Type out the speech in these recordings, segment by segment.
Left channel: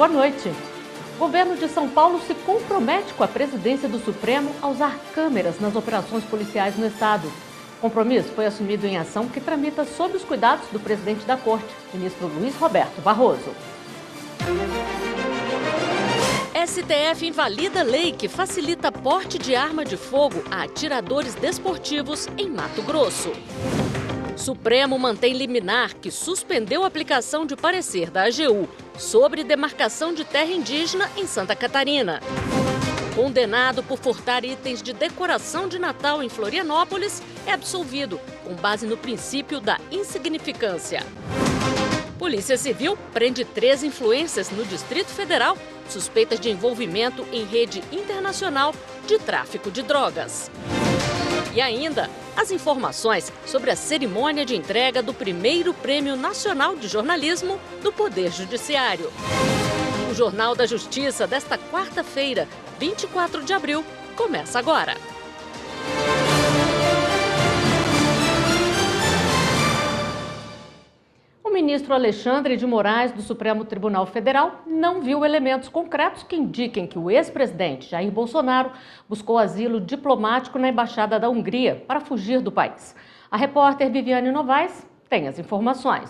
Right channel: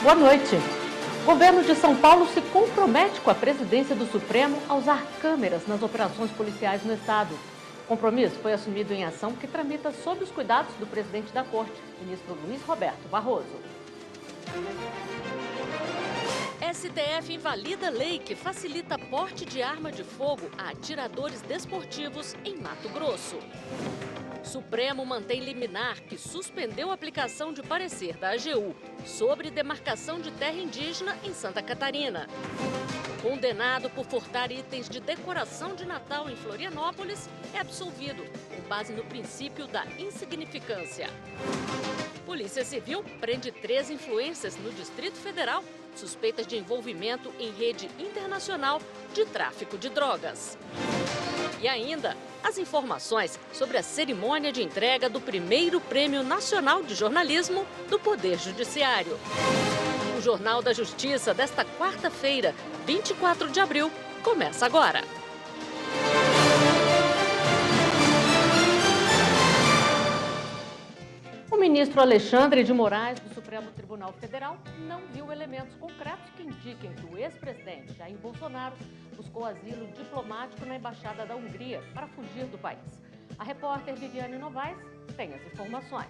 Boa noite. O governo de São Paulo se compromete com a presidência do Supremo a usar câmeras nas operações policiais no estado. O compromisso foi assumido em ação que tramita sob os cuidados do presidente da Corte, ministro Luiz Roberto Barroso. STF invalida lei que facilita porte de arma de fogo a atiradores desportivos em Mato Grosso. Supremo mantém liminar que suspendeu a aplicação de parecer da AGU sobre demarcação de terra indígena em Santa Catarina. Condenado por furtar itens de decoração de Natal em Florianópolis, é absolvido, com base no princípio da insignificância. Polícia Civil prende 3 influências no Distrito Federal, suspeitas de envolvimento em rede internacional de tráfico de drogas. E ainda, as informações sobre a cerimônia de entrega do primeiro Prêmio Nacional de Jornalismo do Poder Judiciário. O Jornal da Justiça desta quarta-feira, 24 de abril, começa agora. O ministro Alexandre de Moraes, do Supremo Tribunal Federal, não viu elementos concretos que indiquem que o ex-presidente Jair Bolsonaro buscou asilo diplomático na Embaixada da Hungria para fugir do país. A repórter Viviane Novaes tem as informações.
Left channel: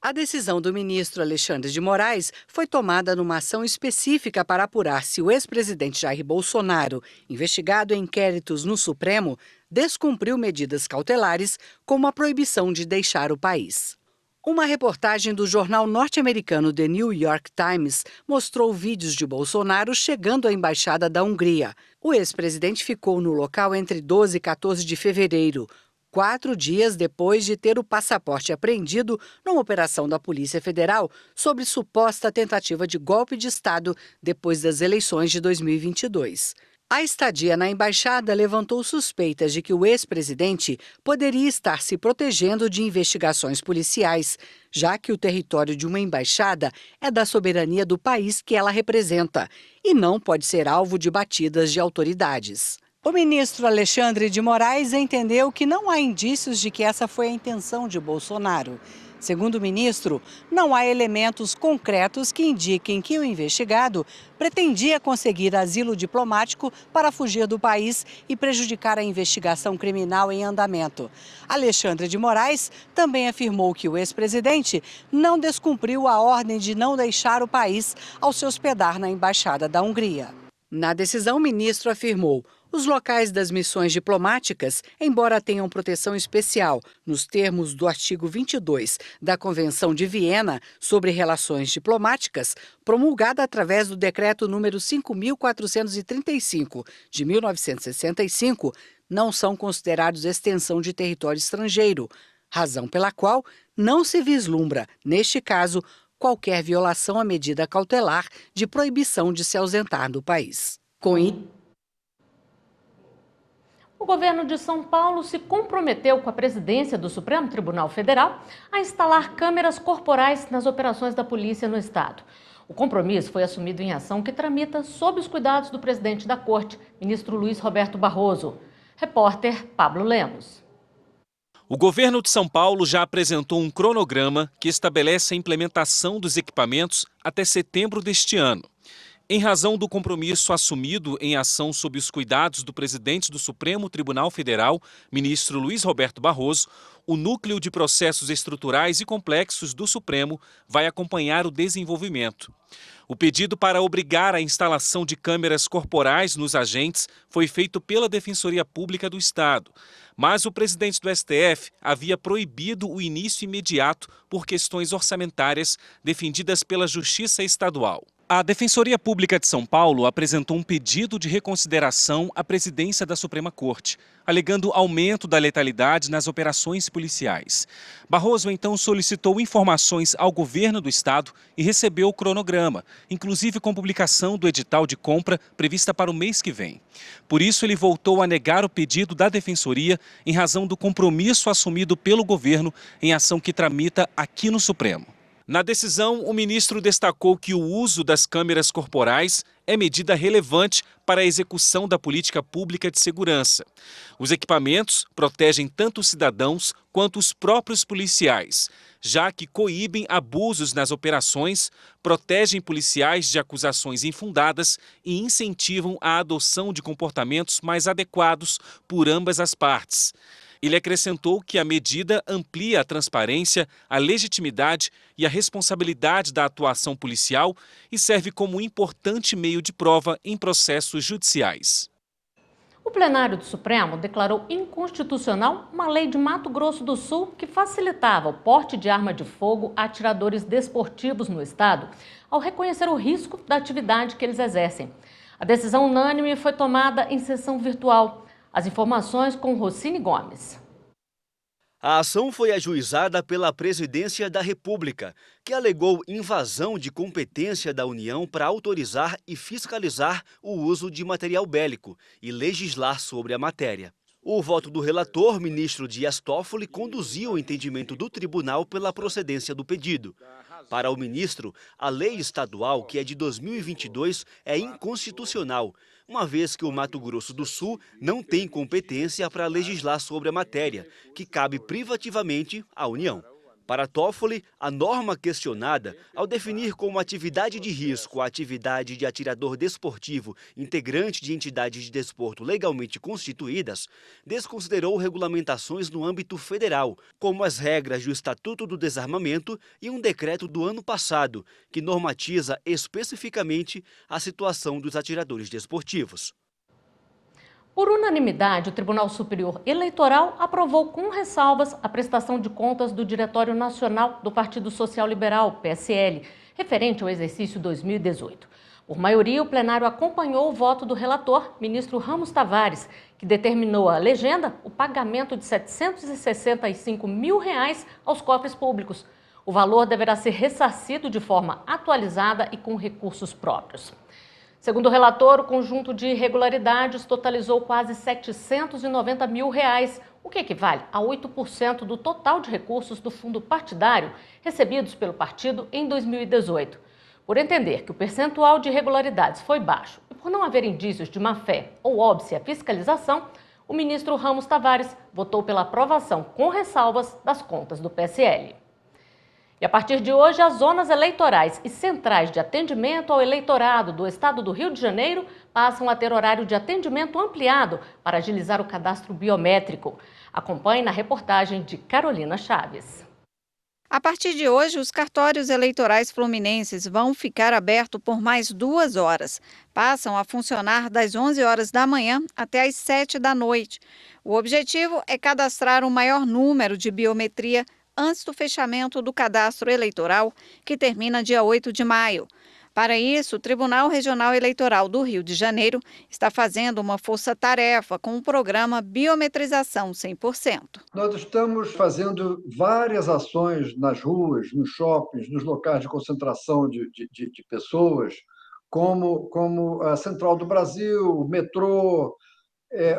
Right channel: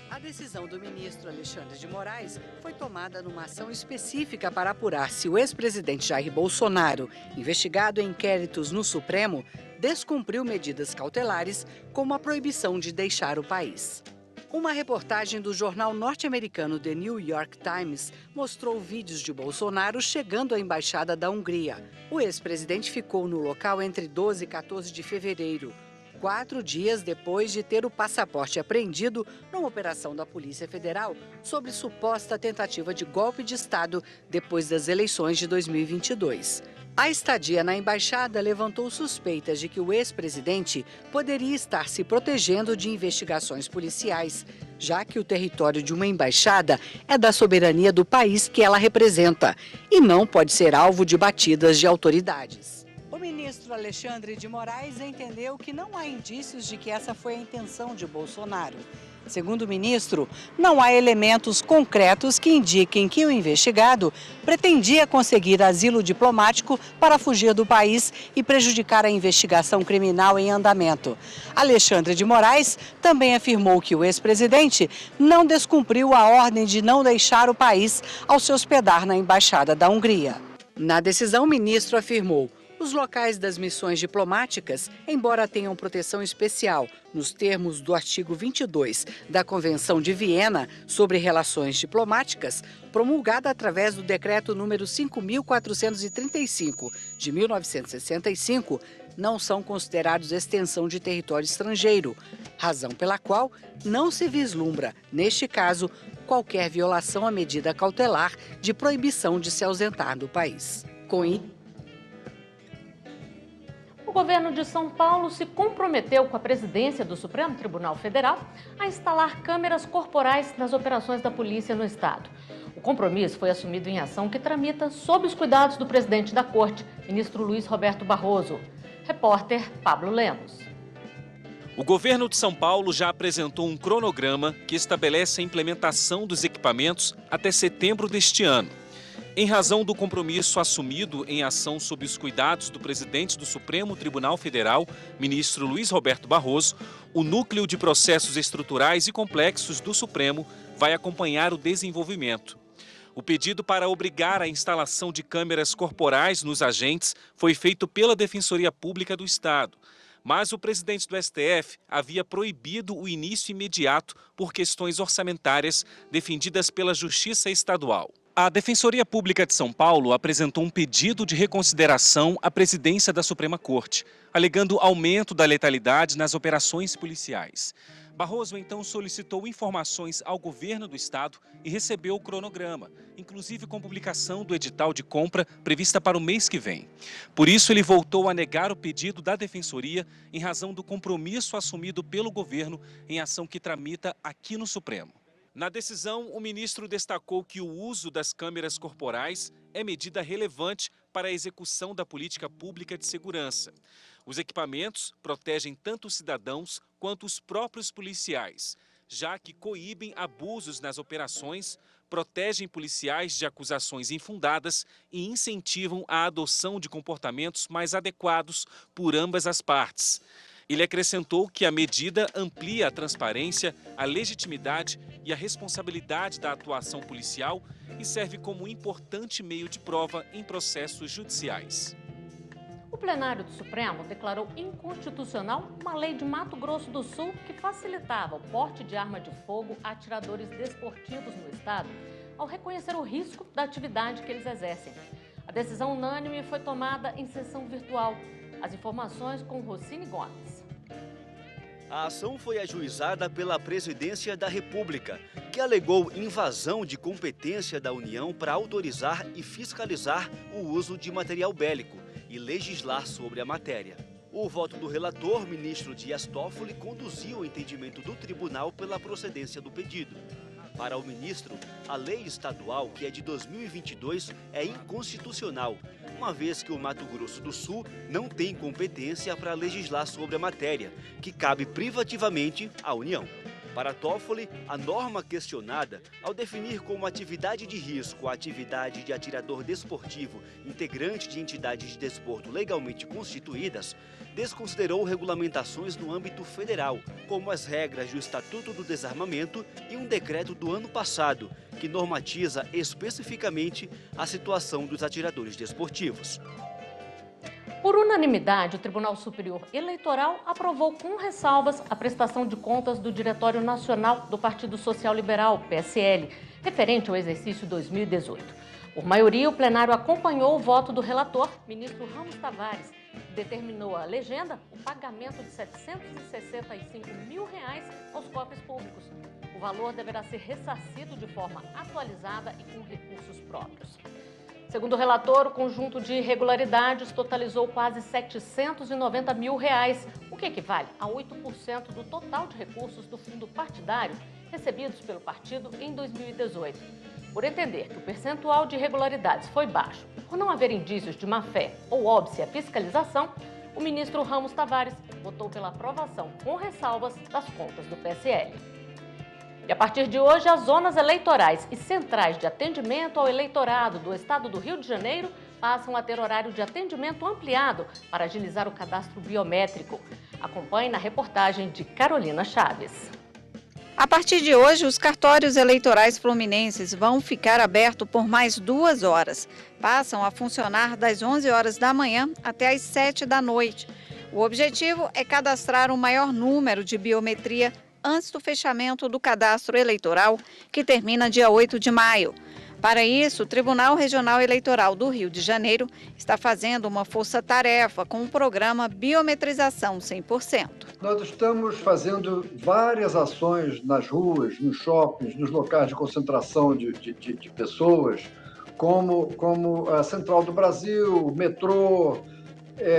A decisão do ministro Alexandre de Moraes foi tomada numa ação específica para apurar se o ex-presidente Jair Bolsonaro, investigado em inquéritos no Supremo, descumpriu medidas cautelares, como a proibição de deixar o país. Uma reportagem do jornal norte-americano The New York Times mostrou vídeos de Bolsonaro chegando à Embaixada da Hungria. O ex-presidente ficou no local entre 12 e 14 de fevereiro, 4 dias depois de ter o passaporte apreendido numa operação da Polícia Federal sobre suposta tentativa de golpe de Estado depois das eleições de 2022. A estadia na embaixada levantou suspeitas de que o ex-presidente poderia estar se protegendo de investigações policiais, já que o território de uma embaixada é da soberania do país que ela representa e não pode ser alvo de batidas de autoridades. O ministro Alexandre de Moraes entendeu que não há indícios de que essa foi a intenção de Bolsonaro. Segundo o ministro, não há elementos concretos que indiquem que o investigado pretendia conseguir asilo diplomático para fugir do país e prejudicar a investigação criminal em andamento. Alexandre de Moraes também afirmou que o ex-presidente não descumpriu a ordem de não deixar o país ao se hospedar na Embaixada da Hungria. Na decisão, o ministro afirmou: os locais das missões diplomáticas, embora tenham proteção especial nos termos do artigo 22 da Convenção de Viena sobre Relações Diplomáticas, promulgada através do Decreto número 5.435, de 1965, não são considerados extensão de território estrangeiro, razão pela qual não se vislumbra, neste caso, qualquer violação à medida cautelar de proibição de se ausentar do país. O governo de São Paulo se comprometeu com a presidência do Supremo Tribunal Federal a instalar câmeras corporais nas operações da polícia no estado. O compromisso foi assumido em ação que tramita sob os cuidados do presidente da Corte, ministro Luiz Roberto Barroso. Repórter Pablo Lemos. O governo de São Paulo já apresentou um cronograma que estabelece a implementação dos equipamentos até setembro deste ano. Em razão do compromisso assumido em ação sob os cuidados do presidente do Supremo Tribunal Federal, ministro Luiz Roberto Barroso, o núcleo de processos estruturais e complexos do Supremo vai acompanhar o desenvolvimento. O pedido para obrigar a instalação de câmeras corporais nos agentes foi feito pela Defensoria Pública do Estado, mas o presidente do STF havia proibido o início imediato por questões orçamentárias defendidas pela Justiça Estadual. A Defensoria Pública de São Paulo apresentou um pedido de reconsideração à presidência da Suprema Corte, alegando aumento da letalidade nas operações policiais. Barroso então solicitou informações ao governo do estado e recebeu o cronograma, inclusive com publicação do edital de compra prevista para o mês que vem. Por isso, ele voltou a negar o pedido da Defensoria em razão do compromisso assumido pelo governo em ação que tramita aqui no Supremo. Na decisão, o ministro destacou que o uso das câmeras corporais é medida relevante para a execução da política pública de segurança. Os equipamentos protegem tanto os cidadãos quanto os próprios policiais, já que coíbem abusos nas operações, protegem policiais de acusações infundadas e incentivam a adoção de comportamentos mais adequados por ambas as partes. Ele acrescentou que a medida amplia a transparência, a legitimidade e a responsabilidade da atuação policial e serve como importante meio de prova em processos judiciais. O plenário do Supremo declarou inconstitucional uma lei de Mato Grosso do Sul que facilitava o porte de arma de fogo a atiradores desportivos no estado, ao reconhecer o risco da atividade que eles exercem. A decisão unânime foi tomada em sessão virtual. As informações com Rossini Gomes. A ação foi ajuizada pela Presidência da República, que alegou invasão de competência da União para autorizar e fiscalizar o uso de material bélico e legislar sobre a matéria. O voto do relator, ministro Dias Toffoli, conduziu o entendimento do tribunal pela procedência do pedido. Para o ministro, a lei estadual, que é de 2022, é inconstitucional, uma vez que o Mato Grosso do Sul não tem competência para legislar sobre a matéria, que cabe privativamente à União. Para Toffoli, a norma questionada, ao definir como atividade de risco a atividade de atirador desportivo integrante de entidades de desporto legalmente constituídas, desconsiderou regulamentações no âmbito federal, como as regras do Estatuto do Desarmamento e um decreto do ano passado, que normatiza especificamente a situação dos atiradores desportivos. Por unanimidade, o Tribunal Superior Eleitoral aprovou com ressalvas a prestação de contas do Diretório Nacional do Partido Social Liberal, PSL, referente ao exercício 2018. Por maioria, o plenário acompanhou o voto do relator, ministro Ramos Tavares, que determinou a legenda o pagamento de R$ 765 mil aos cofres públicos. O valor deverá ser ressarcido de forma atualizada e com recursos próprios. Segundo o relator, o conjunto de irregularidades totalizou quase R$ 790 mil, o que equivale a 8% do total de recursos do fundo partidário recebidos pelo partido em 2018. Por entender que o percentual de irregularidades foi baixo e por não haver indícios de má-fé ou óbvia fiscalização, o ministro Ramos Tavares votou pela aprovação com ressalvas das contas do PSL. E a partir de hoje, as zonas eleitorais e centrais de atendimento ao eleitorado do estado do Rio de Janeiro passam a ter horário de atendimento ampliado para agilizar o cadastro biométrico. Acompanhe na reportagem de Carolina Chaves. A partir de hoje, os cartórios eleitorais fluminenses vão ficar abertos por mais 2 horas. Passam a funcionar das 11 horas da manhã até as 7 da noite. O objetivo é cadastrar o maior número de biometria antes do fechamento do cadastro eleitoral, que termina dia 8 de maio. Para isso, o Tribunal Regional Eleitoral do Rio de Janeiro está fazendo uma força-tarefa com o programa Biometrização 100%. Nós estamos fazendo várias ações nas ruas, nos shoppings, nos locais de concentração de pessoas, como a Central do Brasil, o metrô,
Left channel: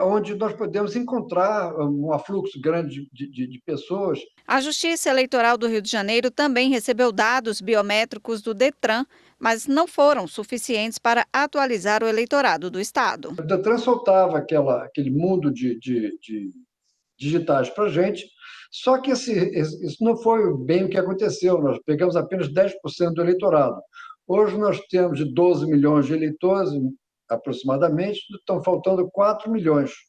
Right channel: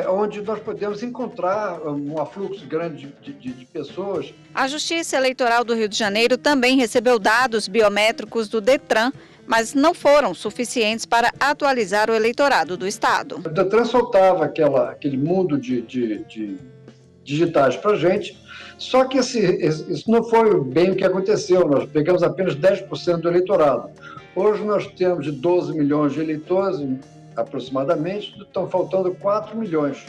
onde nós podemos encontrar um afluxo grande de pessoas. A Justiça Eleitoral do Rio de Janeiro também recebeu dados biométricos do Detran, mas não foram suficientes para atualizar o eleitorado do Estado. O Detran soltava aquele mundo de digitais para a gente, só que isso não foi bem o que aconteceu. Nós pegamos apenas 10% do eleitorado. Hoje nós temos de 12 milhões de eleitores, aproximadamente, estão faltando 4 milhões.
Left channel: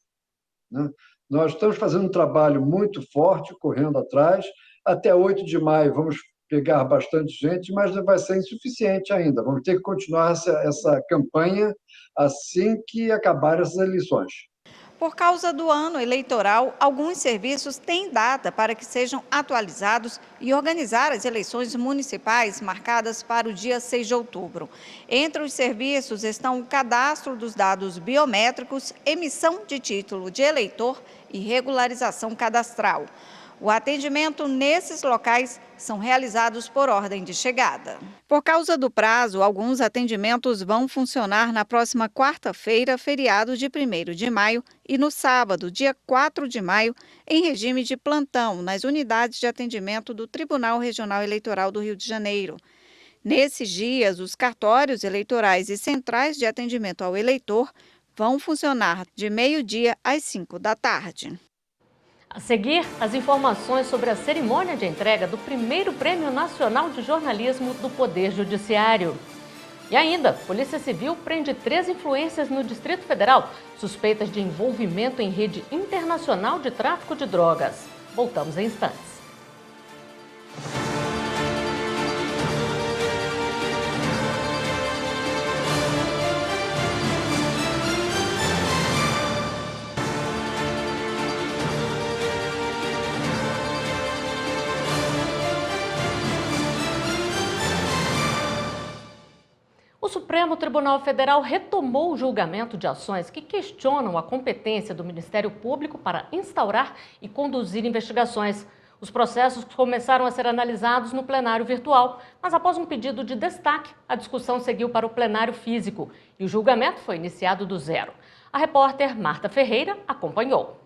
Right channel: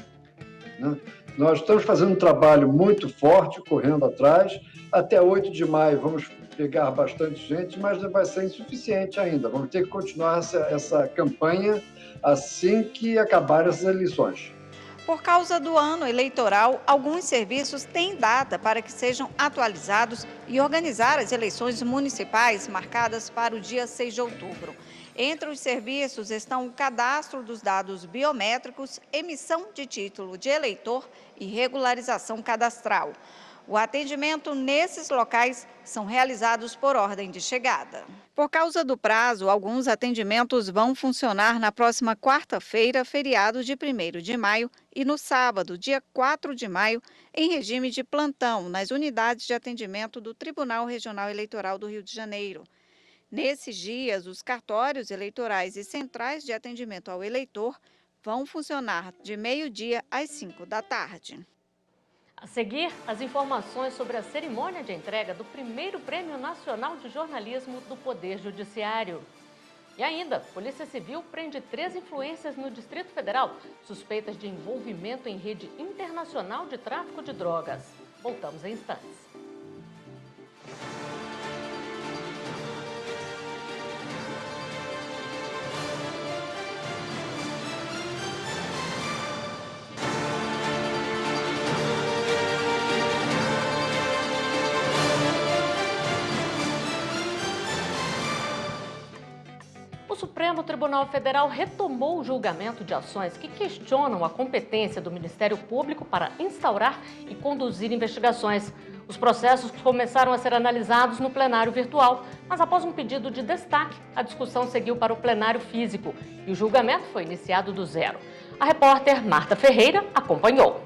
Né? Nós estamos fazendo um trabalho muito forte, correndo atrás. Até 8 de maio vamos pegar bastante gente, mas não vai ser insuficiente ainda. Vamos ter que continuar essa campanha assim que acabar as eleições. Por causa do ano eleitoral, alguns serviços têm data para que sejam atualizados e organizar as eleições municipais marcadas para o dia 6 de outubro. Entre os serviços estão o cadastro dos dados biométricos, emissão de título de eleitor e regularização cadastral. O atendimento nesses locais são realizados por ordem de chegada. Por causa do prazo, alguns atendimentos vão funcionar na próxima quarta-feira, feriado de 1º de maio, e no sábado, dia 4 de maio, em regime de plantão nas unidades de atendimento do Tribunal Regional Eleitoral do Rio de Janeiro. Nesses dias, os cartórios eleitorais e centrais de atendimento ao eleitor vão funcionar de meio-dia às 5 da tarde. A seguir, as informações sobre a cerimônia de entrega do primeiro Prêmio Nacional de Jornalismo do Poder Judiciário. E ainda, Polícia Civil prende 3 influências no Distrito Federal, suspeitas de envolvimento em rede internacional de tráfico de drogas. Voltamos em instantes. O Supremo Tribunal Federal retomou o julgamento de ações que questionam a competência do Ministério Público para instaurar e conduzir investigações. Os processos começaram a ser analisados no plenário virtual, mas após um pedido de destaque, a discussão seguiu para o plenário físico e o julgamento foi iniciado do zero. A repórter Marta Ferreira acompanhou.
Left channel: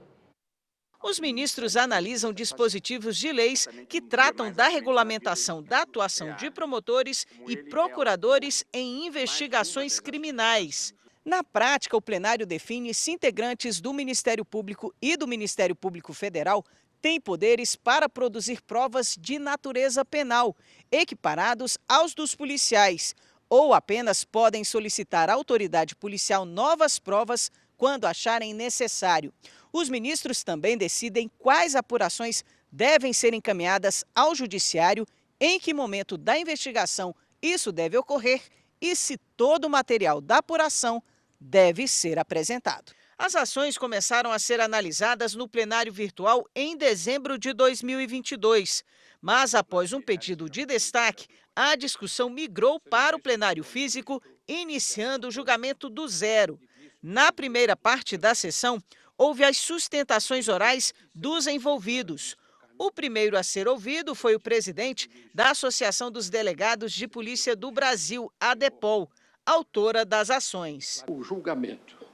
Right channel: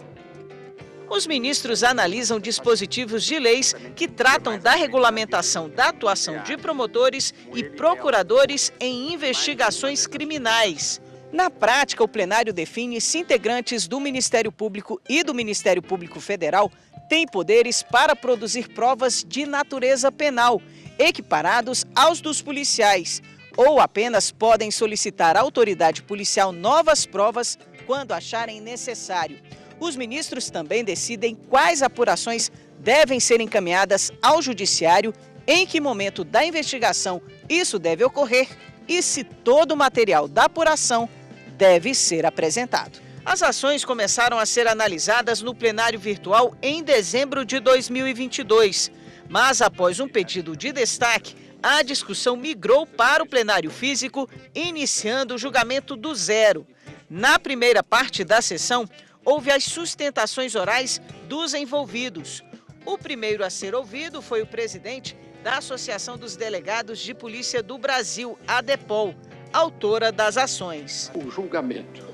Os ministros analisam dispositivos de leis que tratam da regulamentação da atuação de promotores e procuradores em investigações criminais. Na prática, o plenário define se integrantes do Ministério Público e do Ministério Público Federal têm poderes para produzir provas de natureza penal, equiparados aos dos policiais, ou apenas podem solicitar à autoridade policial novas provas quando acharem necessário. Os ministros também decidem quais apurações devem ser encaminhadas ao judiciário, em que momento da investigação isso deve ocorrer e se todo o material da apuração deve ser apresentado. As ações começaram a ser analisadas no plenário virtual em dezembro de 2022, mas após um pedido de destaque, a discussão migrou para o plenário físico, iniciando o julgamento do zero. Na primeira parte da sessão, houve as sustentações orais dos envolvidos. O primeiro a ser ouvido foi o presidente da Associação dos Delegados de Polícia do Brasil, ADEPOL, autora das ações. O julgamento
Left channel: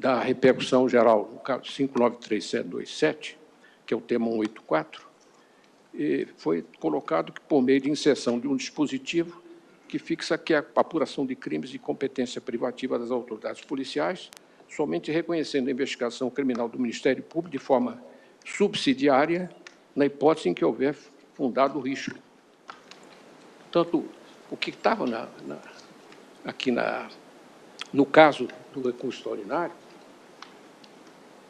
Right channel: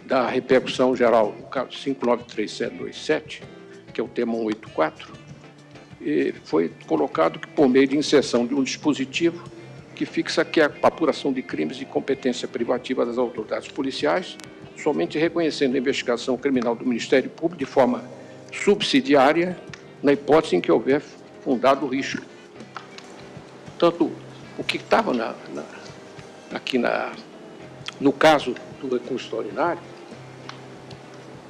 da repercussão geral do caso 593727, que é o tema 84, foi colocado por meio de inserção de um dispositivo que fixa que a apuração de crimes de competência privativa das autoridades policiais, somente reconhecendo a investigação criminal do Ministério Público de forma subsidiária, na hipótese em que houver um dado risco. Portanto, o que estava no caso do recurso extraordinário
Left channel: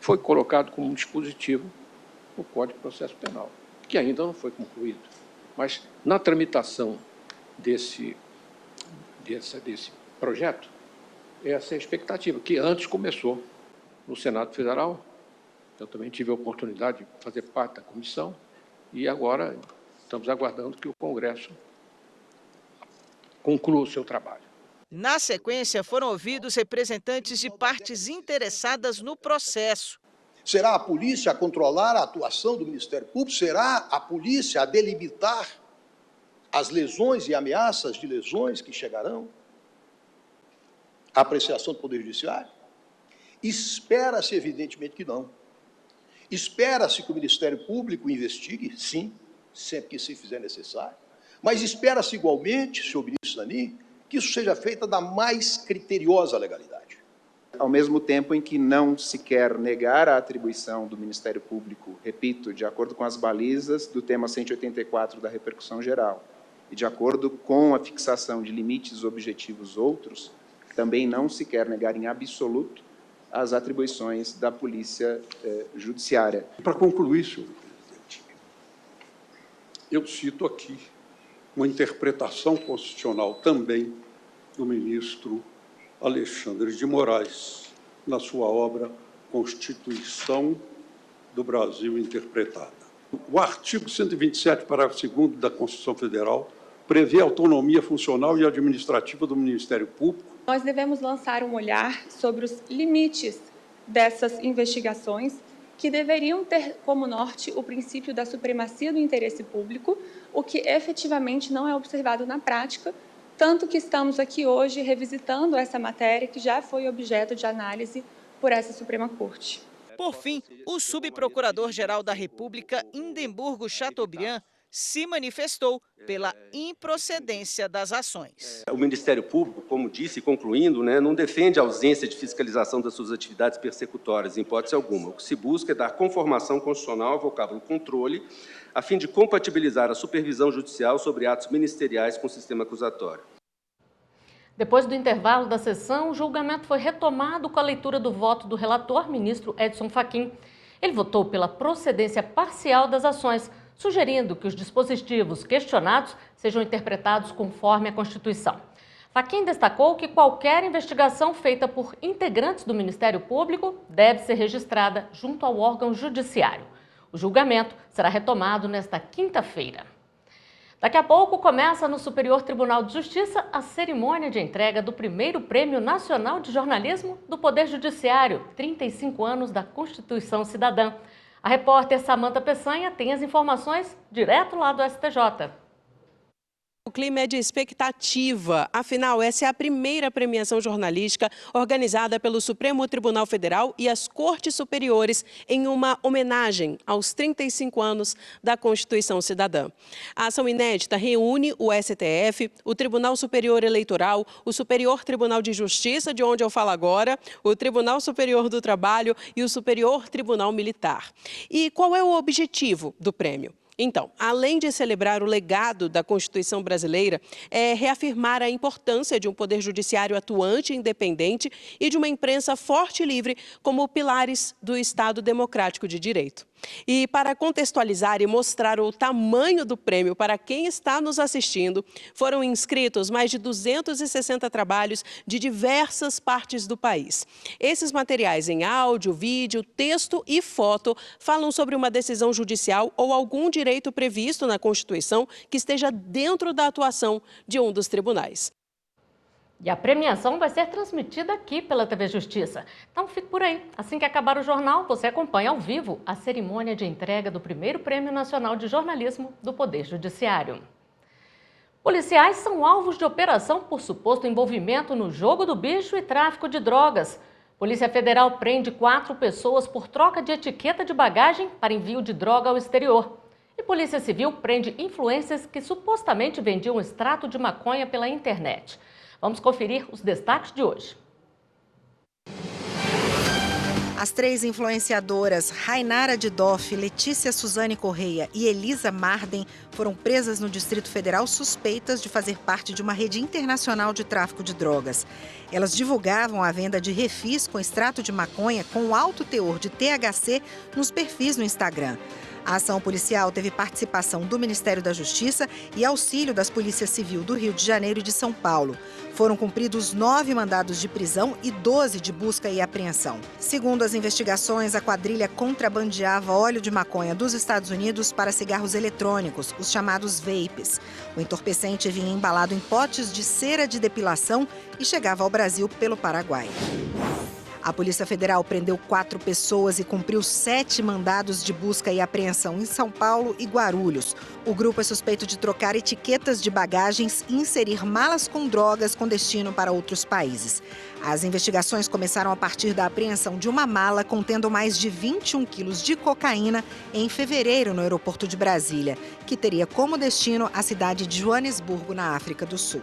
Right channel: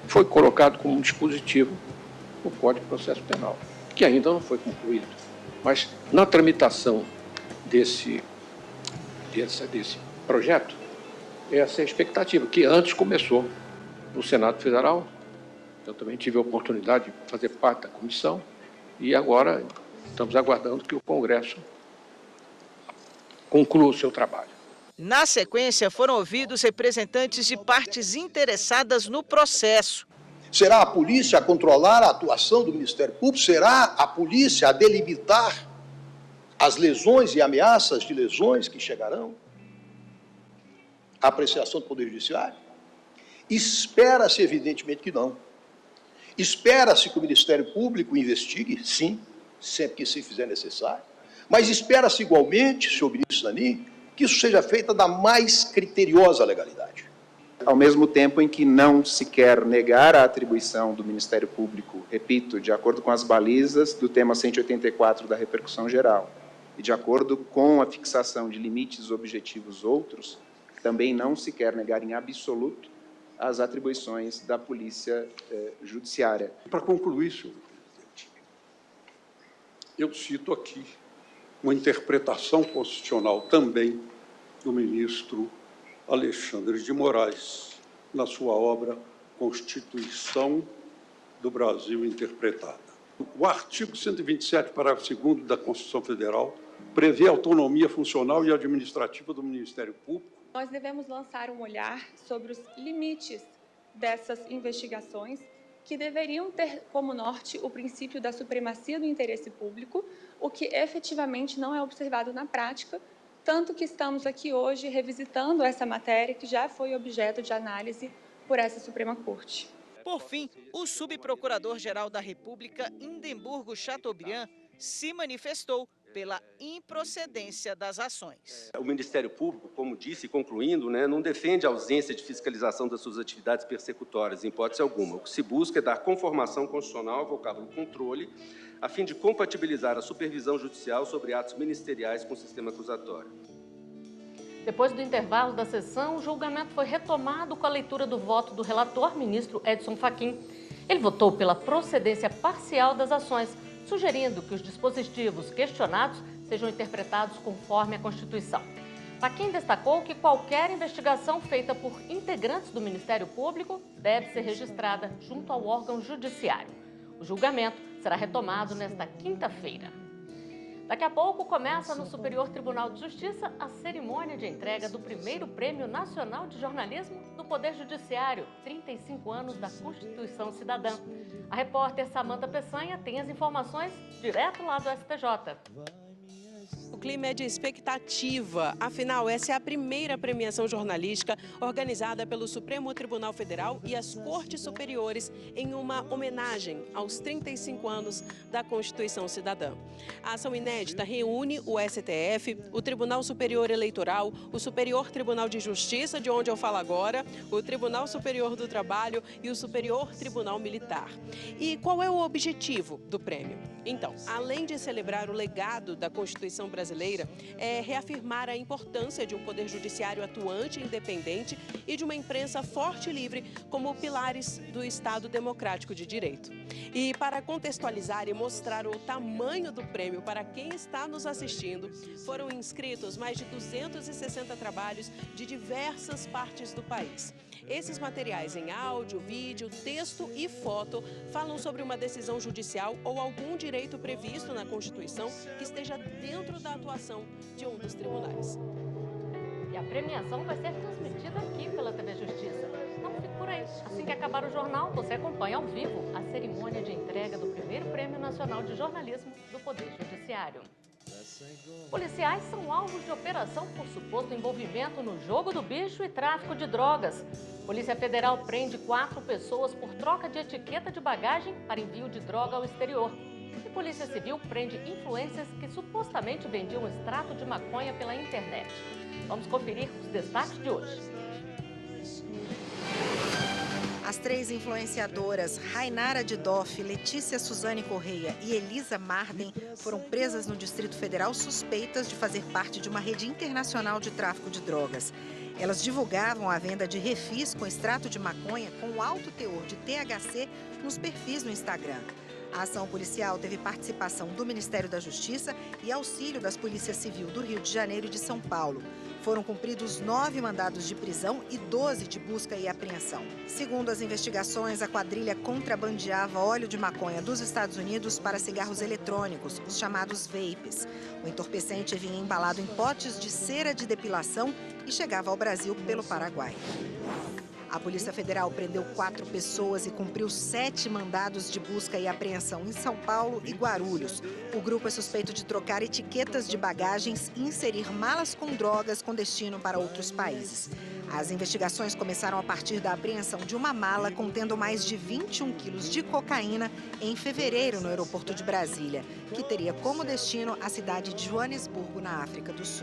foi colocado como dispositivo no Código de Processo Penal, que ainda não foi concluído. Mas, na tramitação desse projeto, essa é a expectativa, que antes começou no Senado Federal. Eu também tive a oportunidade de fazer parte da comissão e agora estamos aguardando que o Congresso conclua o seu trabalho. Na sequência, foram ouvidos representantes de partes interessadas no processo. Será a polícia a controlar a atuação do Ministério Público? Será a polícia a delimitar as lesões e ameaças de lesões que chegarão? A apreciação do Poder Judiciário? Espera-se, evidentemente, que não. Espera-se que o Ministério Público investigue, sim, sempre que se fizer necessário, mas espera-se igualmente, senhor ministro Zanin, que isso seja feito da mais criteriosa legalidade. Ao mesmo tempo em que não se quer negar a atribuição do Ministério Público, repito, de acordo com as balizas do tema 184 da repercussão geral, e de acordo com a fixação de limites objetivos outros, também não se quer negar em absoluto as atribuições da Polícia Judiciária. Para concluir, senhor presidente, eu cito aqui uma interpretação constitucional também do ministro Alexandre de Moraes, na sua obra Constituição do Brasil Interpretada. O artigo 127, parágrafo 2º da Constituição Federal, prevê a autonomia funcional e administrativa do Ministério Público. Nós devemos lançar um olhar sobre os limites dessas investigações, que deveriam ter como norte o princípio da supremacia do interesse público, o que efetivamente não é observado na prática, tanto que estamos aqui hoje revisitando essa matéria que já foi objeto de análise por essa Suprema Corte. Por fim, o subprocurador-geral da República, Indemburgo Chateaubriand, se manifestou pela improcedência das ações. O Ministério Público, como disse, concluindo, não defende a ausência de fiscalização das suas atividades persecutórias, em hipótese alguma. O que se busca é dar conformação constitucional ao vocábulo controle, a fim de compatibilizar a supervisão judicial sobre atos ministeriais com o sistema acusatório. Depois do intervalo da sessão, o julgamento foi retomado com a leitura do voto do relator, ministro Edson Fachin. Ele votou pela procedência parcial das ações, sugerindo que os dispositivos questionados sejam interpretados conforme a Constituição. Fachin destacou que qualquer investigação feita por integrantes do Ministério Público deve ser registrada junto ao órgão judiciário. O julgamento será retomado nesta quinta-feira. Daqui a pouco começa no Superior Tribunal de Justiça a cerimônia de entrega do primeiro Prêmio Nacional de Jornalismo do Poder Judiciário, 35 anos da Constituição Cidadã. A repórter Samanta Peçanha tem as informações direto lá do STJ. O clima é de expectativa, afinal essa é a primeira premiação jornalística organizada pelo Supremo Tribunal Federal e as Cortes Superiores em uma homenagem aos 35 anos da Constituição Cidadã. A ação inédita reúne o STF, o Tribunal Superior Eleitoral, o Superior Tribunal de Justiça, de onde eu falo agora, o Tribunal Superior do Trabalho e o Superior Tribunal Militar. E qual é o objetivo do prêmio? Então, além de celebrar o legado da Constituição brasileira, é reafirmar a importância de um poder judiciário atuante e independente e de uma imprensa forte e livre como pilares do Estado democrático de direito. E para contextualizar e mostrar o tamanho do prêmio para quem está nos assistindo, foram inscritos mais de 260 trabalhos de diversas partes do país. Esses materiais em áudio, vídeo, texto e foto falam sobre uma decisão judicial ou algum direito previsto na Constituição que esteja dentro da atuação de um dos tribunais. E a premiação vai ser transmitida aqui pela TV Justiça. Então fique por aí. Assim que acabar o jornal, você acompanha ao vivo a cerimônia de entrega do primeiro Prêmio Nacional de Jornalismo do Poder Judiciário. Policiais são alvos de operação por suposto envolvimento no jogo do bicho e tráfico de drogas. Polícia Federal prende 4 pessoas por troca de etiqueta de bagagem para envio de droga ao exterior. E Polícia Civil prende influencers que supostamente vendiam extrato de maconha pela internet. Vamos conferir os destaques de hoje. As 3 influenciadoras Rainara Didoff, Letícia Suzane Correia e Elisa Marden foram presas no Distrito Federal suspeitas de fazer parte de uma rede internacional de tráfico de drogas. Elas divulgavam a venda de refis com extrato de maconha com alto teor de THC nos perfis no Instagram. A ação policial teve participação do Ministério da Justiça e auxílio das Polícias Civil do Rio de Janeiro e de São Paulo. Foram cumpridos 9 mandados de prisão e 12 de busca e apreensão. Segundo as investigações, a quadrilha contrabandeava óleo de maconha dos Estados Unidos para cigarros eletrônicos, os chamados vapes. O entorpecente vinha embalado em potes de cera de depilação e chegava ao Brasil pelo Paraguai. A Polícia Federal prendeu 4 pessoas e cumpriu 7 mandados de busca e apreensão em São Paulo e Guarulhos. O grupo é suspeito de trocar etiquetas de bagagens e inserir malas com drogas com destino para outros países. As investigações começaram a partir da apreensão de uma mala contendo mais de 21 quilos de cocaína em fevereiro no aeroporto de Brasília, que teria como destino a cidade de Joanesburgo, na África do Sul.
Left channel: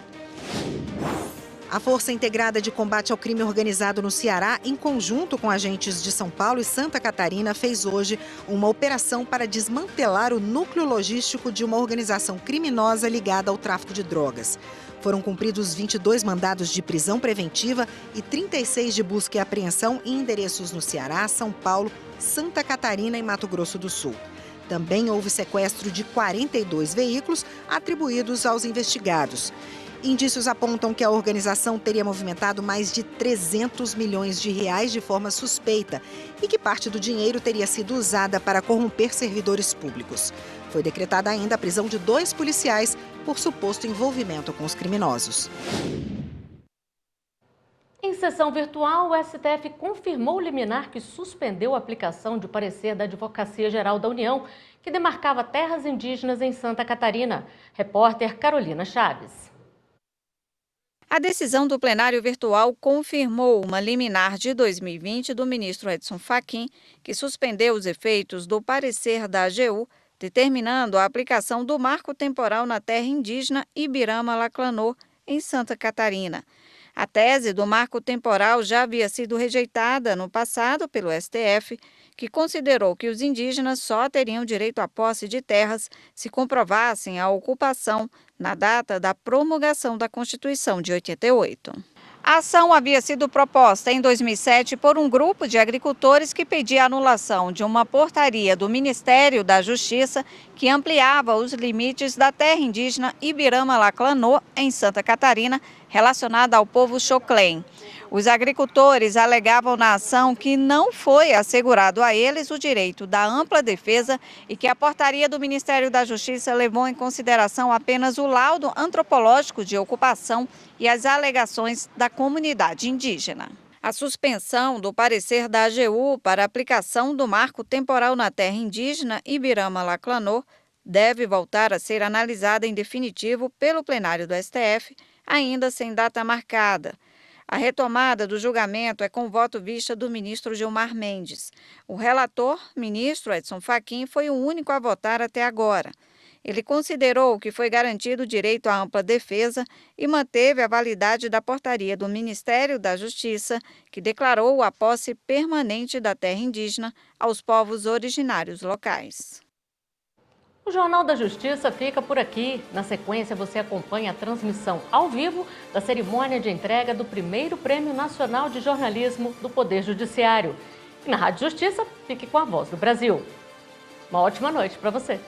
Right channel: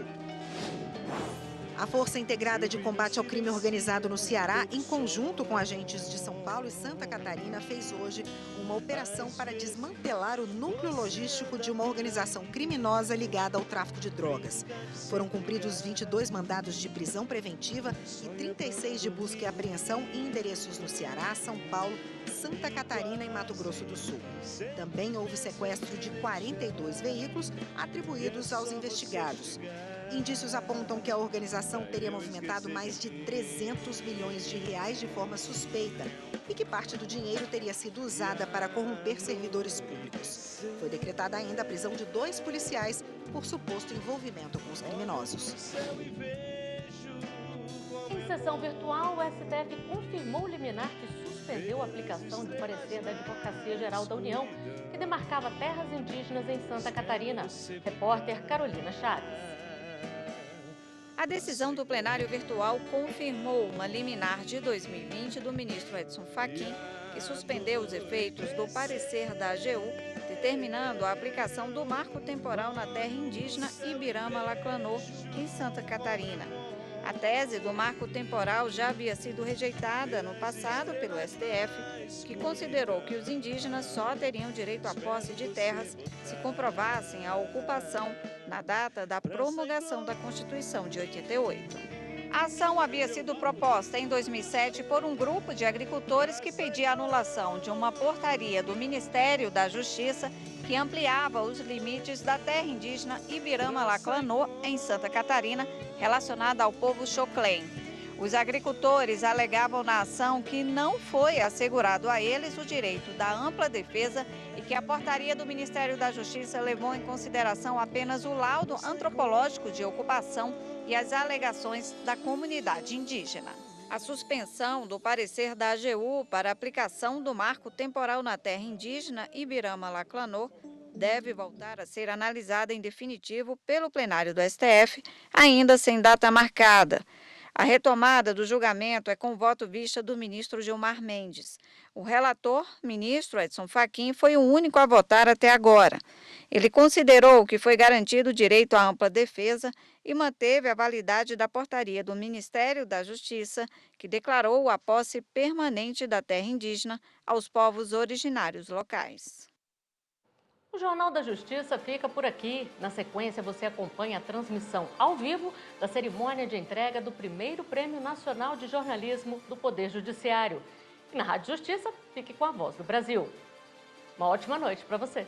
A Força Integrada de Combate ao Crime Organizado no Ceará, em conjunto com agentes de São Paulo e Santa Catarina, fez hoje uma operação para desmantelar o núcleo logístico de uma organização criminosa ligada ao tráfico de drogas. Foram cumpridos 22 mandados de prisão preventiva e 36 de busca e apreensão em endereços no Ceará, São Paulo, Santa Catarina e Mato Grosso do Sul. Também houve sequestro de 42 veículos atribuídos aos investigados. Indícios apontam que a organização teria movimentado mais de 300 milhões de reais de forma suspeita e que parte do dinheiro teria sido usada para corromper servidores públicos. Foi decretada ainda a prisão de 2 policiais por suposto envolvimento com os criminosos. Em sessão virtual, o STF confirmou o liminar que suspendeu a aplicação de parecer da Advocacia Geral da União, que demarcava terras indígenas em Santa Catarina. Repórter Carolina Chaves. A decisão do plenário virtual confirmou uma liminar de 2020 do ministro Edson Fachin, que suspendeu os efeitos do parecer da AGU determinando a aplicação do marco temporal na terra indígena Ibirama-Laclanô, em Santa Catarina. A tese do marco temporal já havia sido rejeitada no passado pelo STF, que considerou que os indígenas só teriam direito à posse de terras se comprovassem a ocupação na data da promulgação da Constituição de 88. A ação havia sido proposta em 2007 por um grupo de agricultores que pedia a anulação de uma portaria do Ministério da Justiça que ampliava os limites da terra indígena Ibirama-Laclanô, em Santa Catarina, relacionada ao povo Xoclen. Os agricultores alegavam na ação que não foi assegurado a eles o direito da ampla defesa e que a portaria do Ministério da Justiça levou em consideração apenas o laudo antropológico de ocupação e as alegações da comunidade indígena. A suspensão do parecer da AGU para a aplicação do marco temporal na terra indígena Ibirama-Laclanô deve voltar a ser analisada em definitivo pelo plenário do STF, ainda sem data marcada. A retomada do julgamento é com voto vista do ministro Gilmar Mendes. O relator, ministro Edson Fachin, foi o único a votar até agora. Ele considerou que foi garantido o direito à ampla defesa e manteve a validade da portaria do Ministério da Justiça, que declarou a posse permanente da terra indígena aos povos originários locais. O Jornal da Justiça fica por aqui. Na sequência, você acompanha a transmissão ao vivo da cerimônia de entrega do primeiro Prêmio Nacional de Jornalismo do Poder Judiciário. E na Rádio Justiça, fique com a Voz do Brasil. Uma ótima noite para você.